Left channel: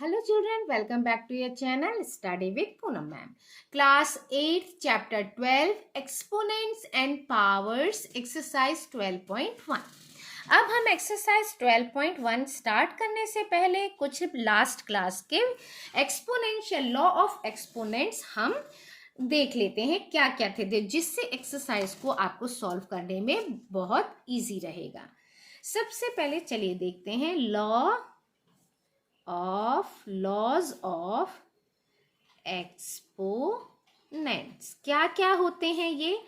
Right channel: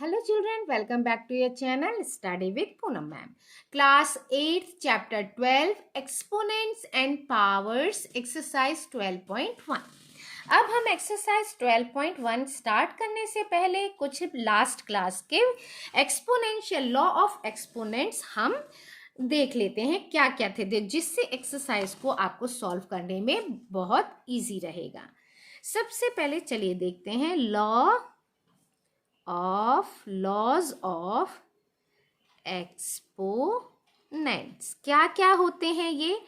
Hello children, welcome back to your channel Study with Poonam ma'am. Class 8 chapter 12 Exponents and Powers exercise 12.1. अब हम exercise 12.1 start करने से पहले कुछ last class के एक्सपोनेंशियल लॉ ऑफ एक्सपोनेंट्स हम देख लेते हैं क्या क्या थे, जिससे एक्सरसाइज को आपको सॉल्व करने में बहुत इजी रहेगा। सबसे पहले चलिए देखते हैं लॉज ऑफ एक्सपोनेंट्स क्या क्या होते हैं। ये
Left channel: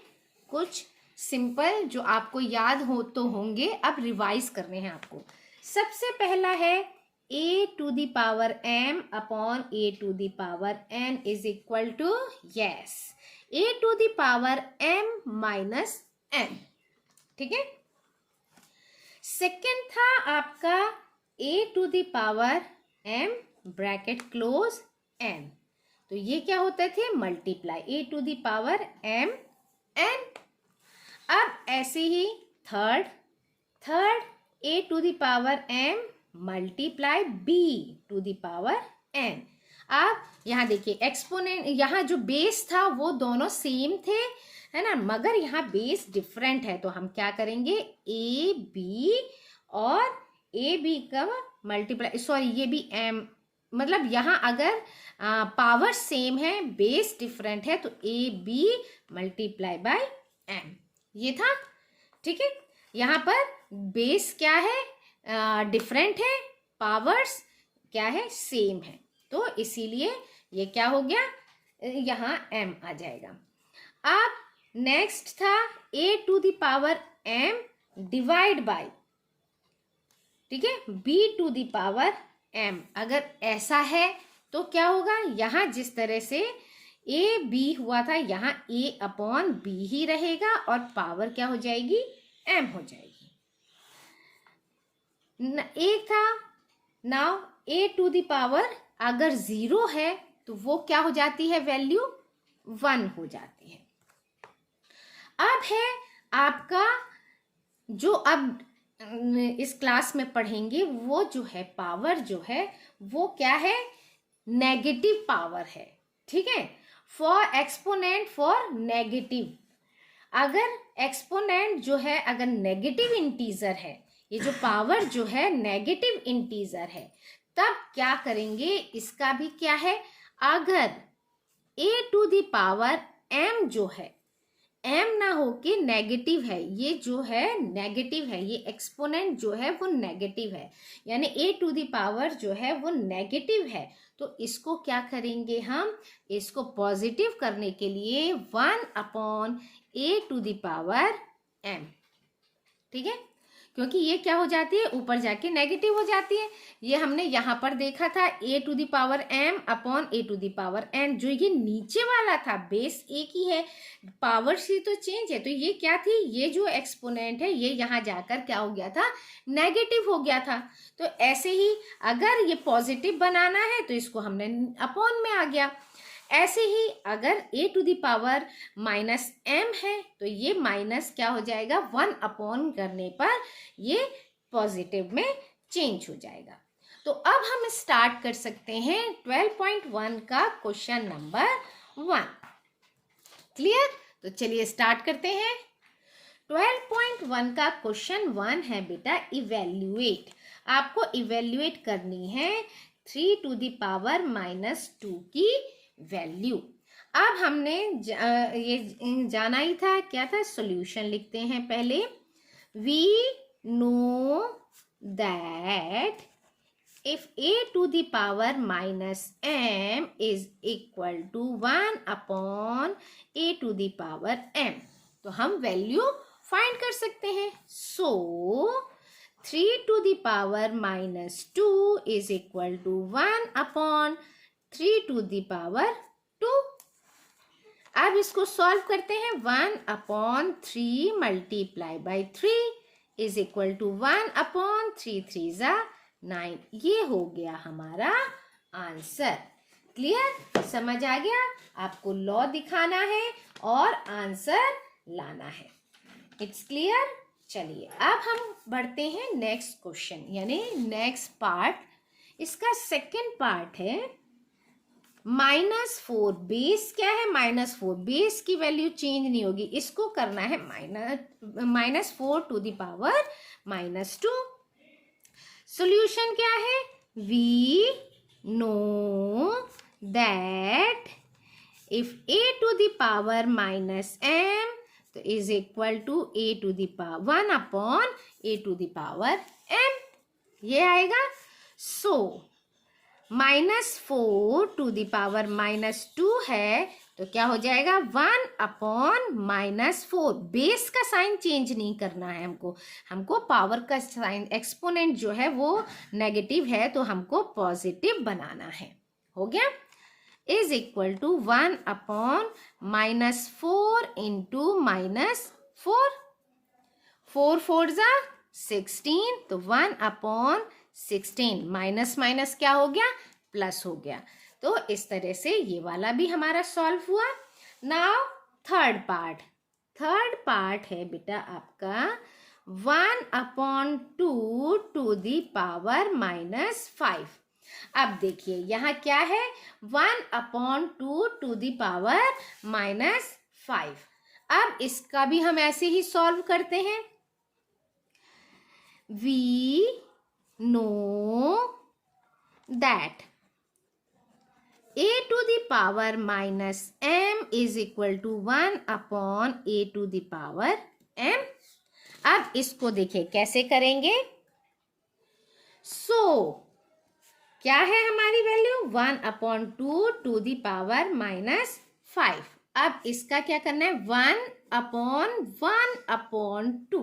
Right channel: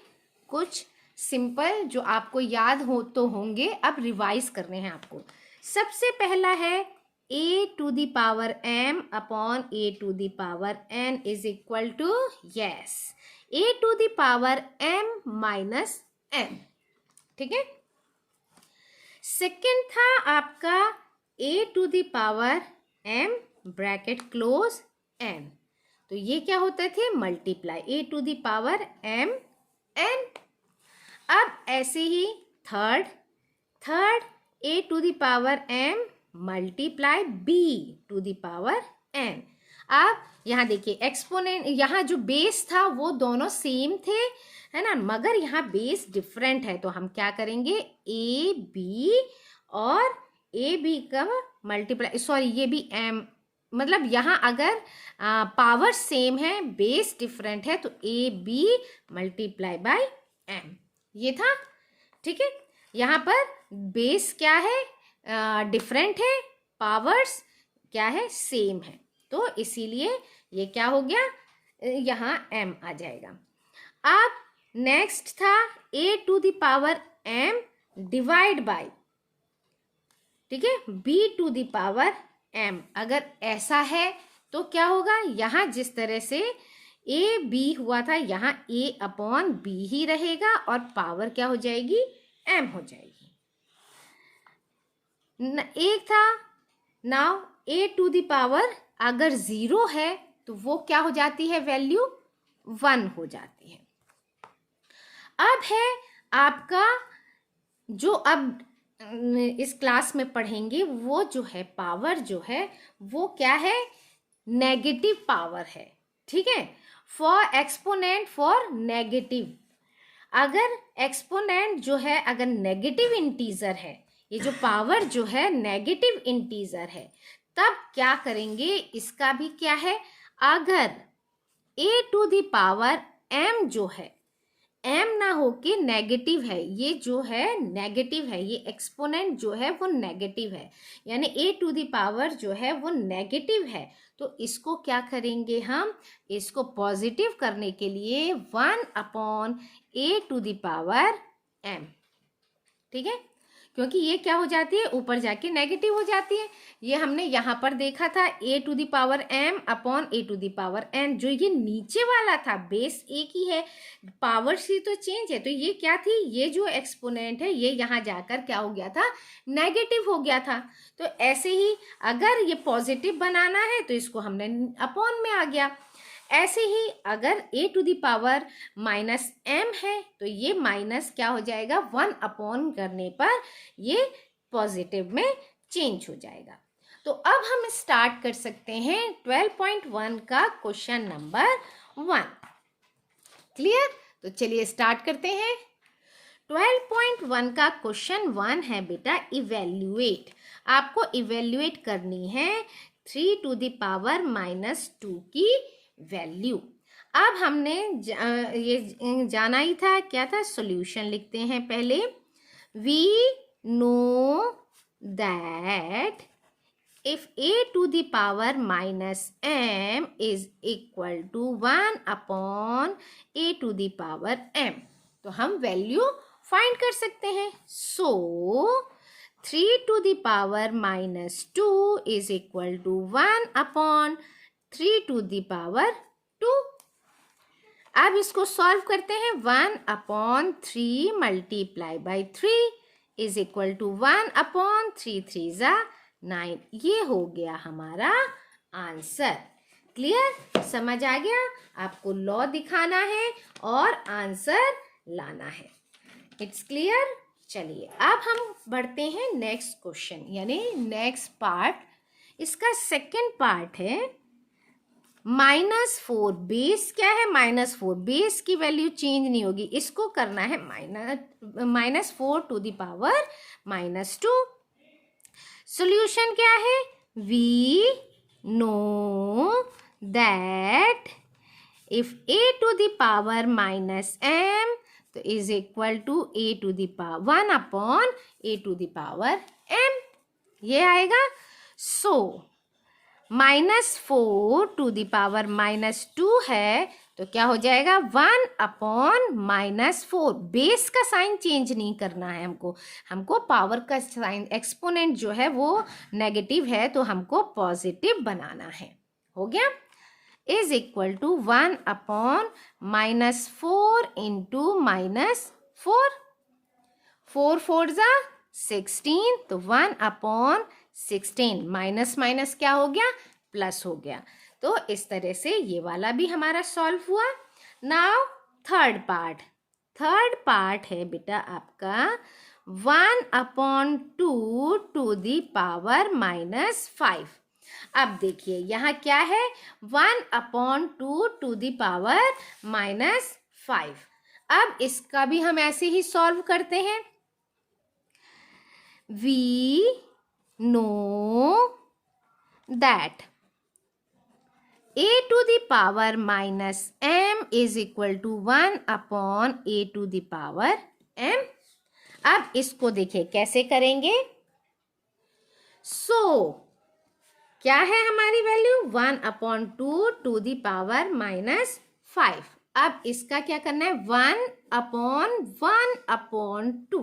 कुछ सिंपल जो आपको याद हो तो होंगे, अब रिवाइज करने हैं आपको। सबसे पहला है a to the power m upon a to the power n is equal to a to the power m minus n। ठीक है। सेकेंड था आपका a to the power m bracket close n, तो ये क्या होता थे multiply a to the power m n। अब ऐसे ही third a to the power m multiply b to the power n। अब यहाँ देखिए एक्सपोनेंट, यहाँ जो बेस था वो दोनों सेम थे, है ना, मगर यहाँ बेस डिफरेंट है, तो हम क्या करेंगे ए बी और ए बी का मल्टीप्लाई, सॉरी ये भी m, मतलब यहाँ अगर पावर सेम है बेस डिफरेंट है तो a b multiply by m, ये था। ठीक है, यहाँ पर बेस क्या है डिफरेंट है, पावर्स क्या है सेम है, तो इसीलिए ये क्या हो गया यहाँ m आ जाएगा। अब नेक्स्ट था a to the power m divide by, ठीक है, b to the power m। अगर ऐसा है तो क्या होगा, यहाँ जिस तरह से a b हुआ था यहाँ a अपॉन b ही रहेगा और पावर क्या हो जाएगी m हो जाएगी। एक था now a to the power अगर 0 है तो वो क्या हो जाती है वैल्यू 1 हो जाती है। अब है आपका जो अब इस क्लास में पढ़ेंगे वो जो है पावर जो है वो क्या है नेगेटिव पावर है। ठीक है, फॉर एक्सपोनेंट फॉर नेगेटिव, अगर एक्सपोनेंट जो है अगर नेगेटिव इंटीजर है, ये जो पावर जो है नेगेटिव इंटीजर है, तब क्या करेंगे इसका भी क्या है, अगर a to the power m जो है m ना हो के नेगेटिव है, ये जो है नेगेटिव है, ये एक्सपोनेंट जो है वो नेगेटिव है, यानी a टू दी पावर जो है वो नेगेटिव है, तो इसको क्या करेंगे हम, इसको पॉजिटिव करने के लिए 1 upon a to the power m। ठीक है, क्योंकि ये क्या हो जाती है ऊपर जाके नेगेटिव हो जाती है। ये हमने यहाँ पर देखा था a to the power m upon a to the power n, जो ये नीचे वाला था बेस एक ही है, पावर सी तो चेंज है, तो ये क्या थी, ये जो एक्सपोनेंट है ये यहाँ जाकर क्या हो गया था नेगेटिव हो गया था। तो ऐसे ही अगर ये पॉजिटिव बनाना है तो इसको हमने अपॉन में आ गया। ऐसे ही अगर a to the power minus m है तो ये माइनस क्या हो जाएगा 1 अपॉन करने पर ये पॉजिटिव में चेंज हो जाएगा। तो अब हम स्टार्ट कर सकते हैं 12.1 का क्वेश्चन नंबर 1। क्लियर, तो चलिए स्टार्ट करते हैं। 12.1 का क्वेश्चन 1 है बेटा इवेल्युएट, आपको इवेल्युएट करनी है 3 टू दी पावर माइनस 2 की वैल्यू। अब हमने ये जाना ही था, क्या था, सॉल्यूशन लिखते हैं पहले। We know that if a to the power minus m is equal to 1 upon a to the power m, तो हम वैल्यू फाइंड कर सकते हैं। सो 3 to the power minus 2 is equal to 1 upon 3 to the power 2। अब इसको solve करते हैं, 1 upon 3 multiply by 3 is equal to 1 upon 3 3 जा 9, ये हो गया हमारा आंसर। क्लियर, समझ आ गया, आपको लॉ दिखाना है और आंसर लाना है। It's clear. चलिए अब हम बढ़ते हैं नेक्स्ट क्वेश्चन यानी नेक्स्ट पार्ट इसका सेकेंड पार्ट है -4। बेस क्या है? -4। बेस की वैल्यू चेंज नहीं होगी, इसको करना है -4 टू द पावर -2। सॉल्यूशन क्या है? We know that if a to the power -m तो is equal to a to the power 1 upon a to the power m, ये आएगा। सो -4 टू द पावर -2 है तो क्या हो जाएगा? 1 अपॉन -4। बेस का साइन चेंज नहीं करना है हमको पावर का साइन एक्सपोनेंट जो है वो नेगेटिव है तो हमको पॉजिटिव बनाना है। हो गया? Is equal to 1 upon -4 into -4। 4 4 जा 16 तो 1 अपॉन 16। माइनस माइनस क्या हो गया? प्लस हो गया। तो इस तरह से ये वाला भी हमारा सॉल्व हुआ। नाउ थर्ड पार्ट है बेटा आपका 1 अपॉन 2 टू द पावर -5। अब देखिए यहाँ क्या है? 1 अपॉन 2 टू द पावर -5। अब इसका भी हम ऐसे ही सॉल्व करते हैं। We know that a to the power -m is equal to 1 upon a to the power m। अब इसको देखिए कैसे करेंगे। क्या है हमारी value? 1 upon 2 to the power -5। अब इसका क्या करना है? 1 अपॉन 2।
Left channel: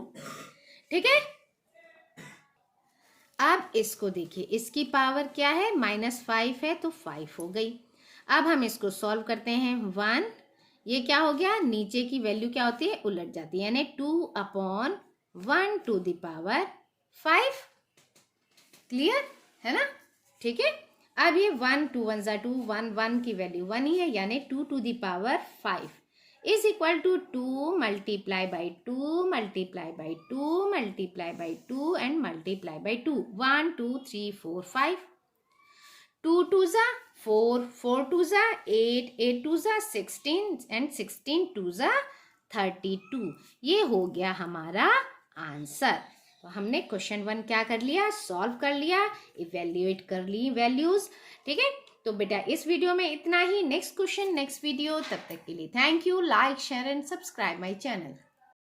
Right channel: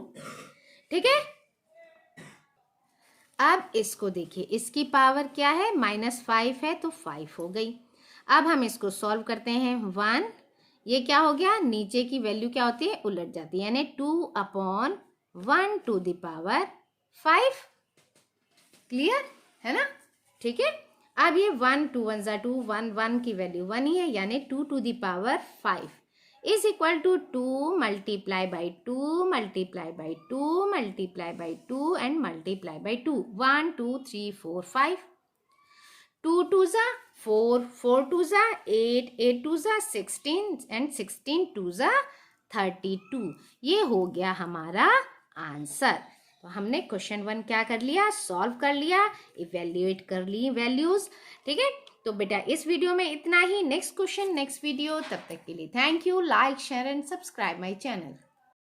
ठीक है? अब इसको देखिए, इसकी पावर क्या है? -5 है तो 5 हो गई। अब हम इसको सॉल्व करते हैं। 1 ये क्या हो गया? नीचे की वैल्यू क्या होती है? उलट जाती है, यानी 2 upon 1 to the power 5। Clear है ना? ठीक है। अब ये 1 2 1 जा 2, 1 1 की वैल्यू 1 ही है, यानी 2 to the power 5 is equal to 2 multiply by 2 multiply by 2 multiply by 2 and multiply by 2। 1 2 3 4 5। 2 2 जा 4, 4 2 जा 8, 8 2 जा 16 एंड 16 2 जा 32। ये हो गया हमारा आंसर। तो हमने क्वेश्चन 1 क्या कर लिया? सॉल्व कर लिया, इवेल्युएट कर ली वैल्यूज। ठीक है, तो बेटा इस वीडियो में इतना ही। नेक्स्ट क्वेश्चन नेक्स्ट वीडियो, तब तक के लिए thank you. Like share and subscribe my channel.